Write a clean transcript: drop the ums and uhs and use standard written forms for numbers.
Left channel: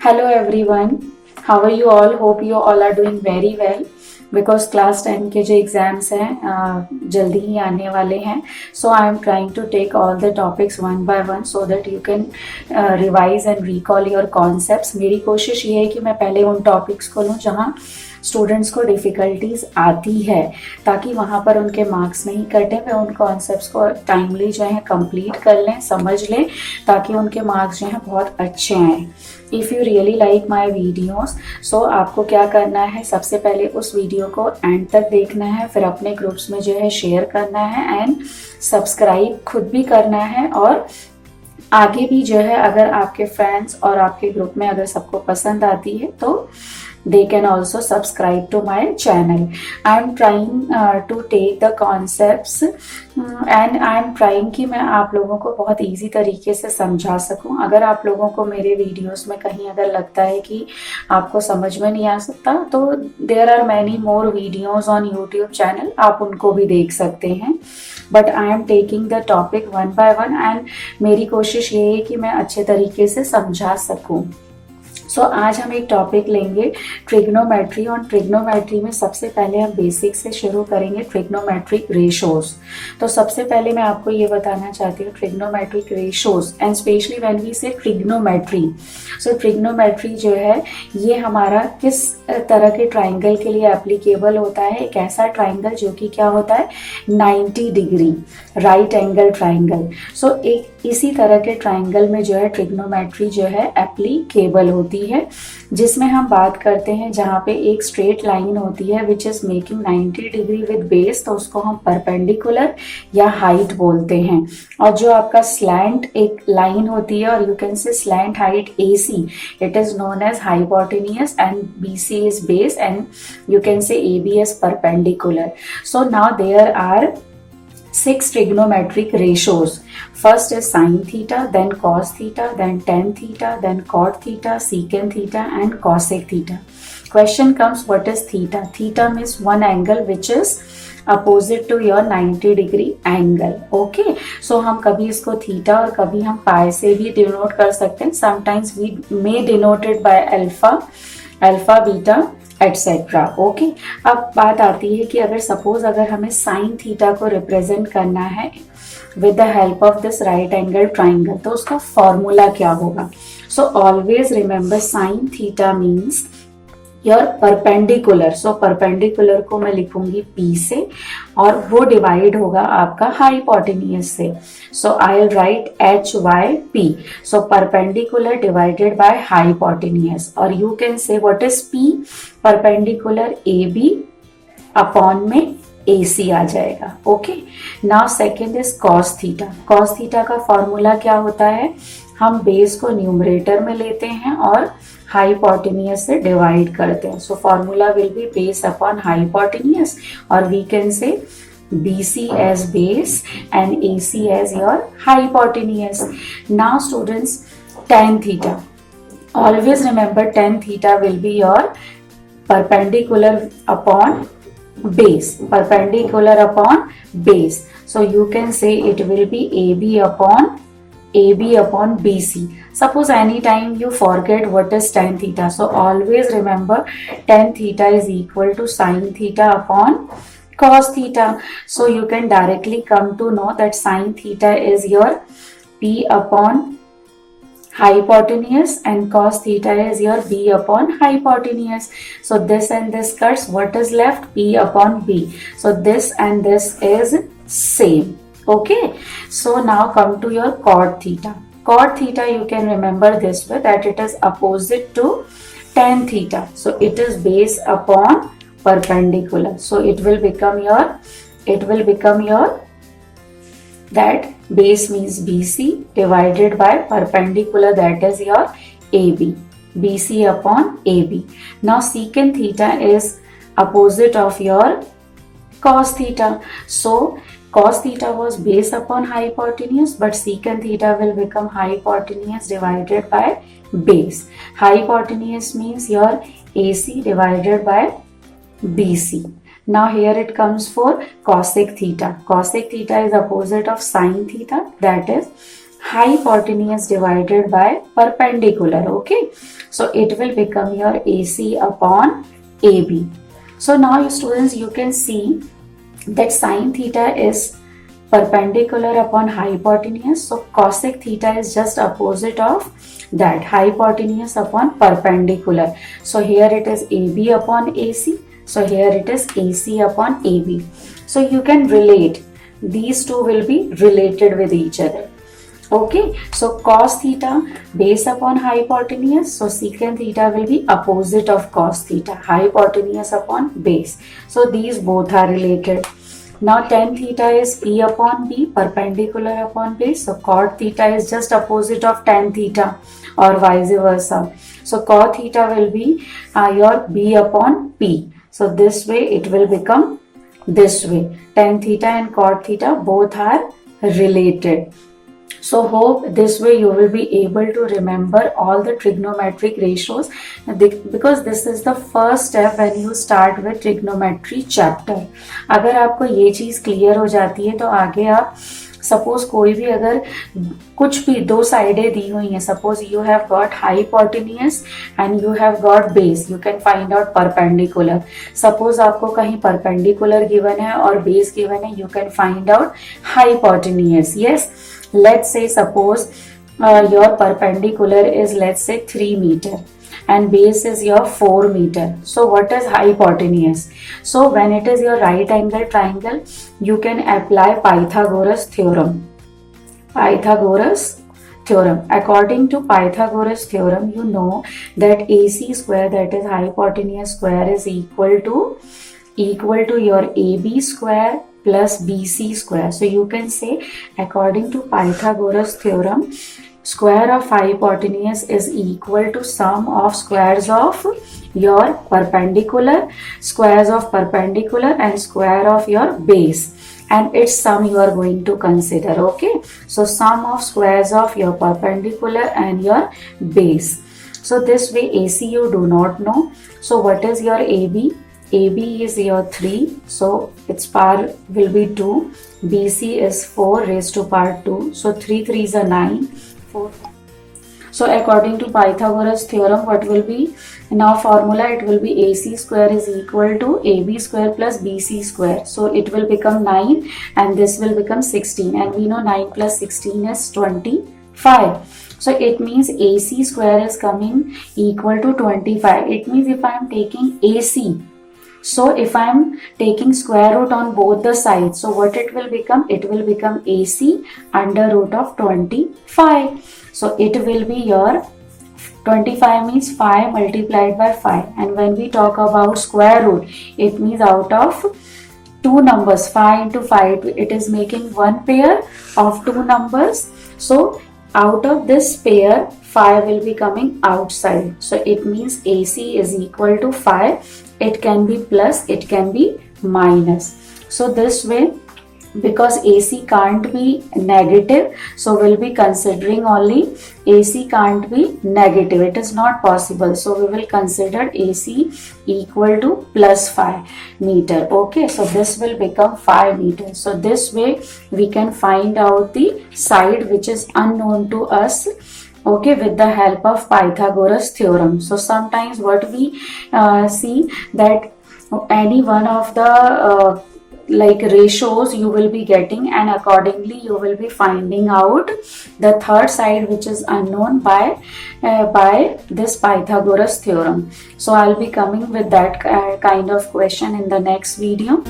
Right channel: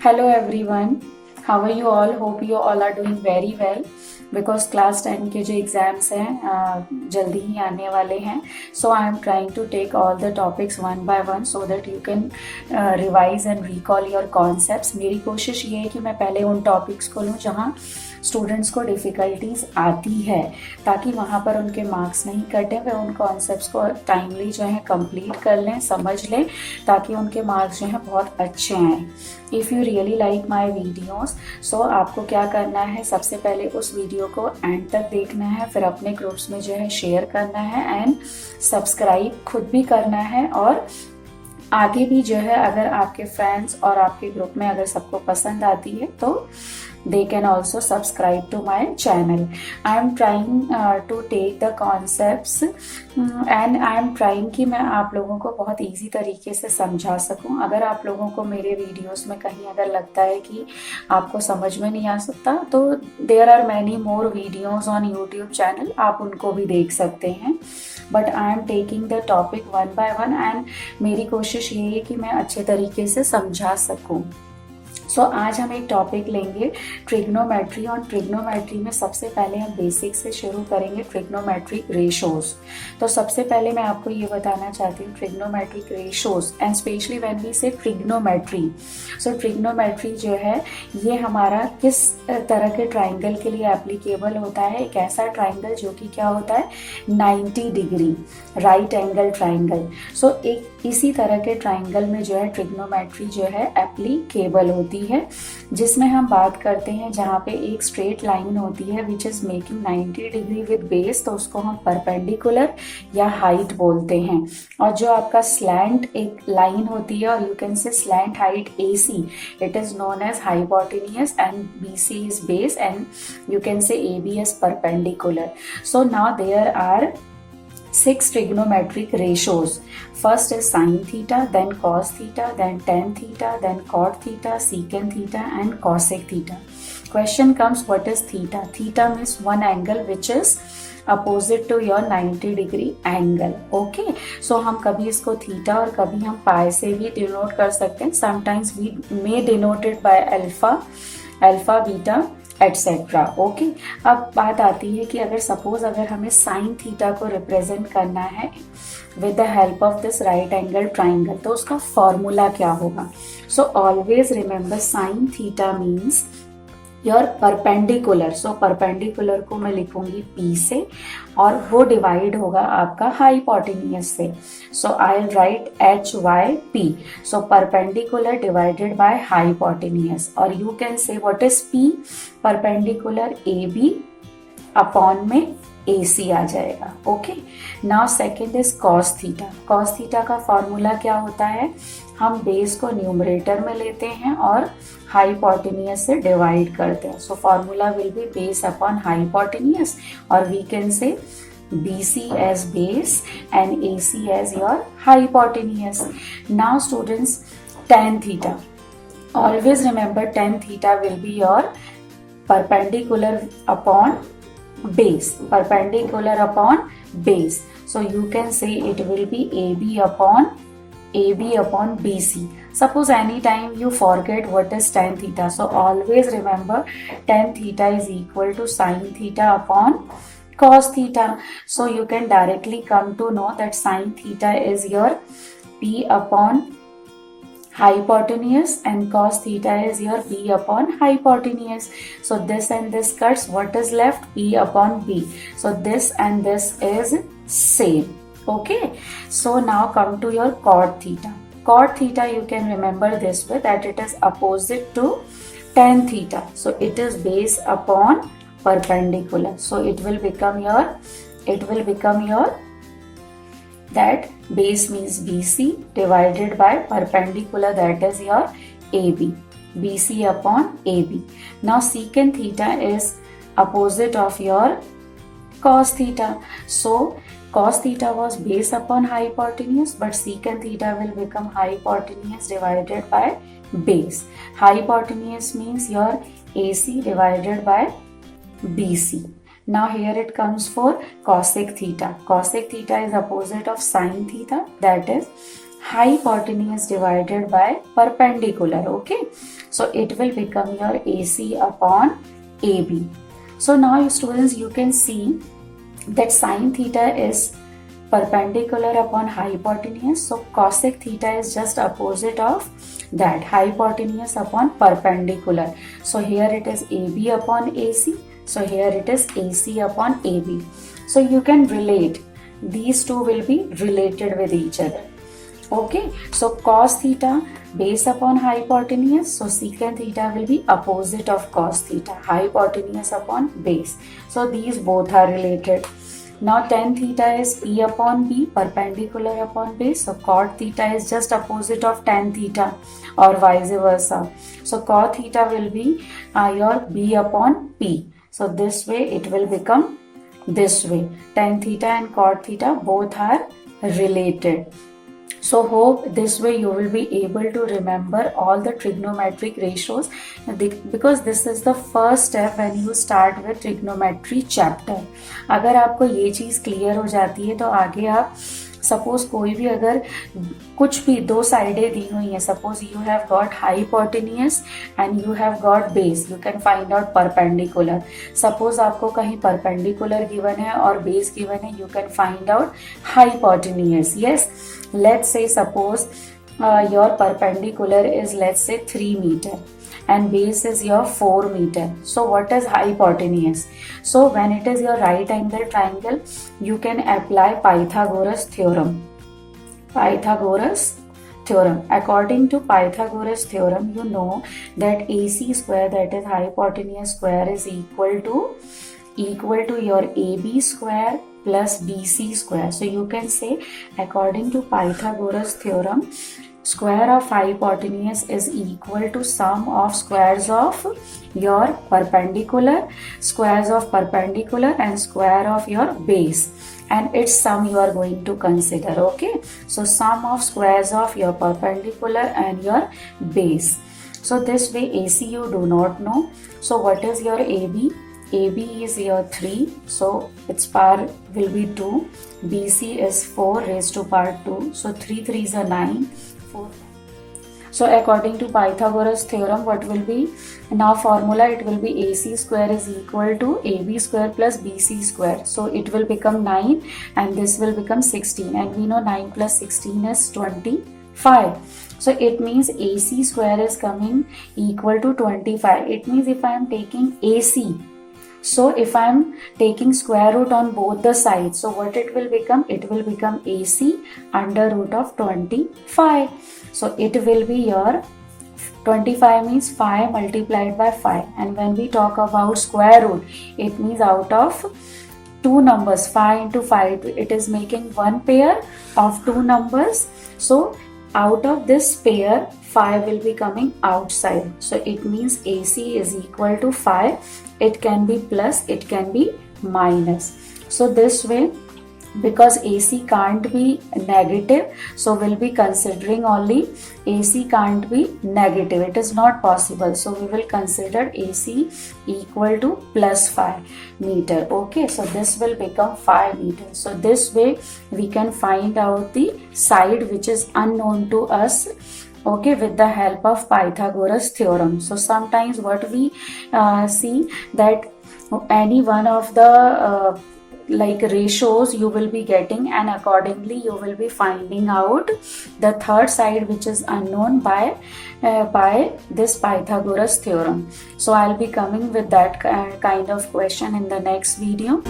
Hello everyone, how are you all? Hope you all are doing very well because class 10 के जो exams हैं जल्दी ही आने वाले हैं. So I am trying to take all the topics one by one so that you can revise and recall your concepts. मेरी कोशिश ये है कि मैं पहले उन टॉपिक्स को लूँ जहाँ स्टूडेंट्स को डिफ़िकल्टीज आती है ताकि वहाँ पर उनके मार्क्स नहीं कटें. वे उन कॉन्सेप्ट्स को टाइमली जो है कंप्लीट कर लें, समझ लें ताकि उनके मार्क्स जो हैं बहुत अच्छे आएँ. If you really like my videos so आपको क्या करना है, सबसे पहले उस वीडियो को एंड तक देखना है, फिर अपने ग्रुप्स में जो है शेयर करना है एंड सब्सक्राइब खुद भी करना है. और आगे भी जो है अगर आपके फ्रेंड्स और आपके ग्रुप में अगर सबको पसंद आती है तो they can also subscribe to my channel. I am trying to take the concepts and I am trying कि मैं आप लोगों को बहुत इजी तरीके से समझा सकूं. अगर आप लोगों को मेरे वीडियोस में कहीं अगर लगता है कि आपको समझ में नहीं आ सकता तो there are many more videos on YouTube channel, आप उनको भी देख सकते हैं. But I am taking the topic one by one and मेरी कोशिश ये है कि मैं अच्छे तरीके से समझा सकूं. सो आज हम एक टॉपिक लेंगे ट्रिग्नोमेट्री. और ट्रिग्नोमेट्री में सबसे पहले हम बेसिक से शुरू करेंगे, ट्रिग्नोमेट्रिक रेशोज. तो सबसे पहले मैं आपको ये बताना चाहती हूँ trigonometric ratios and specially when we say trigonometry. So trigonometry जो है ये हमारा किस तरह के ट्राइंगल के लिए एप्लीकेबल होता है. एक ऐसा ट्राइंगल जो कि क्या होता है 90 डिग्री राइट एंगल ट्राइंगल. सो एक इसी तरह के ट्राइंगल में जो है ट्रिग्नोमेट्री जो है एप्लीकेबल होती है, जिसमें हम बात करते हैं जहाँ पे एक स्ट्रेट लाइन होती है which is making 90 degree with base, तो उसको हम परपेंडिकुलर या हाइट बोलते हैं. और जो आपका स्लैंट एक लाइन होती है और you can say slant height AC, it is known as hypotenuse and BC is base and you can say AB as perpendicular. So now there are 6 trigonometric ratios. First is sin theta, then cos theta, then tan theta, then cot theta, secant theta and cosec theta. Question comes, what is theta? Theta means one angle which is opposite to your 90 degree angle. Okay, so हम कभी इसको theta और कभी हम pi से भी denote कर सकते हैं. Sometimes we may denote it by alpha, beta etcetera. Okay, अब बात आती है कि अगर सपोज अगर हमें साइन थीटा को रिप्रेजेंट करना है with the help of this right angle triangle तो उसका फॉर्मूला क्या होगा. So always remember sine theta means your perpendicular. So perpendicular को मैं लिखूंगी P से और वो डिवाइड होगा आपका हाइपोटेनियस से. So I will write HYP. So perpendicular divided by hypotenuse. और you can say what is P, perpendicular AB upon में AC आ जाएगा. Okay, now second is cos theta. Cos theta का फॉर्मूला क्या होता है, हम बेस को न्यूमरेटर में लेते हैं और हाइपोटेनियस से डिवाइड करते हैं. So formula will be base upon hypotenuse और we can say BC as base and AC as your hypotenuse. Now students, tan theta. Always remember tan theta will be your perpendicular upon base. Perpendicular upon base. So you can say it will be AB upon BC. Suppose anytime you forget what is tan theta. So always remember tan theta is equal to sin theta upon cos theta. So you can directly come to know that sin theta is your P upon hypotenuse and cos theta is your B upon hypotenuse. So this and this cuts, what is left? P upon B. So this and this is same. Okay, so now come to your cot theta. Cot theta you can remember this way that it is opposite to tan theta. So it is base upon perpendicular. So it will become your that base means BC divided by perpendicular, that is your AB. BC upon AB. Now secant theta is opposite of your cos theta. So cos theta was base upon hypotenuse, but secant theta will become hypotenuse divided by base. Hypotenuse means your AC divided by BC. Now here it comes for cosec theta. Cosec theta is opposite of sin theta, that is hypotenuse divided by perpendicular. Okay, so it will become your AC upon AB. So now students, you can see that sine theta is perpendicular upon hypotenuse. So cosec theta is just opposite of that, hypotenuse upon perpendicular. So here it is AB upon AC. So here it is AC upon AB. So you can relate. These two will be related with each other. Okay, so cos theta base upon hypotenuse, so secant theta will be opposite of cos theta, hypotenuse upon base. So these both are related. Now tan theta is P upon B, perpendicular upon base. So cot theta is just opposite of tan theta or vice versa. So cot theta will be your B upon P. So this way it will become this way. Tan theta and cot theta both are related. So hope this way you will be able to remember all the trigonometric ratios, because this is the first step when you start with trigonometry chapter. अगर आपको ये चीज़ clear हो जाती है तो आगे आप suppose कोई भी अगर कुछ भी दो साइडें दी हुई हैं, suppose you have got hypotenuse and you have got base, you can find out perpendicular. Suppose आपको कहीं परपेंडिकुलर गिवन है और बेस गिवन है, you can find out hypotenuse. Yes, let's say suppose your perpendicular is, let's say 3 meter and base is your 4 meter. So what is hypotenuse? So when it is your right angle triangle, you can apply Pythagoras theorem. Pythagoras theorem. According to Pythagoras theorem, you know that AC square, that is hypotenuse square, is equal to your AB square plus BC square. So you can say, according to Pythagoras theorem, square of hypotenuse is equal to sum of squares of your perpendicular, squares of perpendicular and square of your base, and its sum you are going to consider. Okay, so sum of squares of your perpendicular and your base. So this way AC you do not know. So what is your AB? AB is your 3, so its power will be 2. BC is 4 raised to power 2, so 3 3s are 9. 4. So according to Pythagoras theorem, what will be now formula? It will be AC square is equal to AB square plus BC square. So it will become 9 and this will become 16, and we know 9 plus 16 is 25. So it means AC square is coming equal to 25. It means if I am taking AC, so if I am taking square root on both the sides, so what it will become? It will become AC under root of 25. So it will be your 25 means 5 multiplied by 5. And when we talk about square root, it means out of two numbers, 5 into 5, it is making one pair of two numbers. So out of this pair, 5 will be coming outside. So it means AC is equal to 5. It can be plus, it can be minus. So this way, because AC can't be negative, so we'll be considering only AC can't be negative. It is not possible. So we will consider AC equal to plus 5 meter. Okay, so this will become 5 meters. So this way we can find out the side which is unknown to us, okay, with the help of Pythagoras theorem. So sometimes what we see that any one of the like ratios you will be getting, and accordingly you will be finding out the third side which is unknown by this Pythagoras theorem. So I'll be coming with that kind of question in the next video.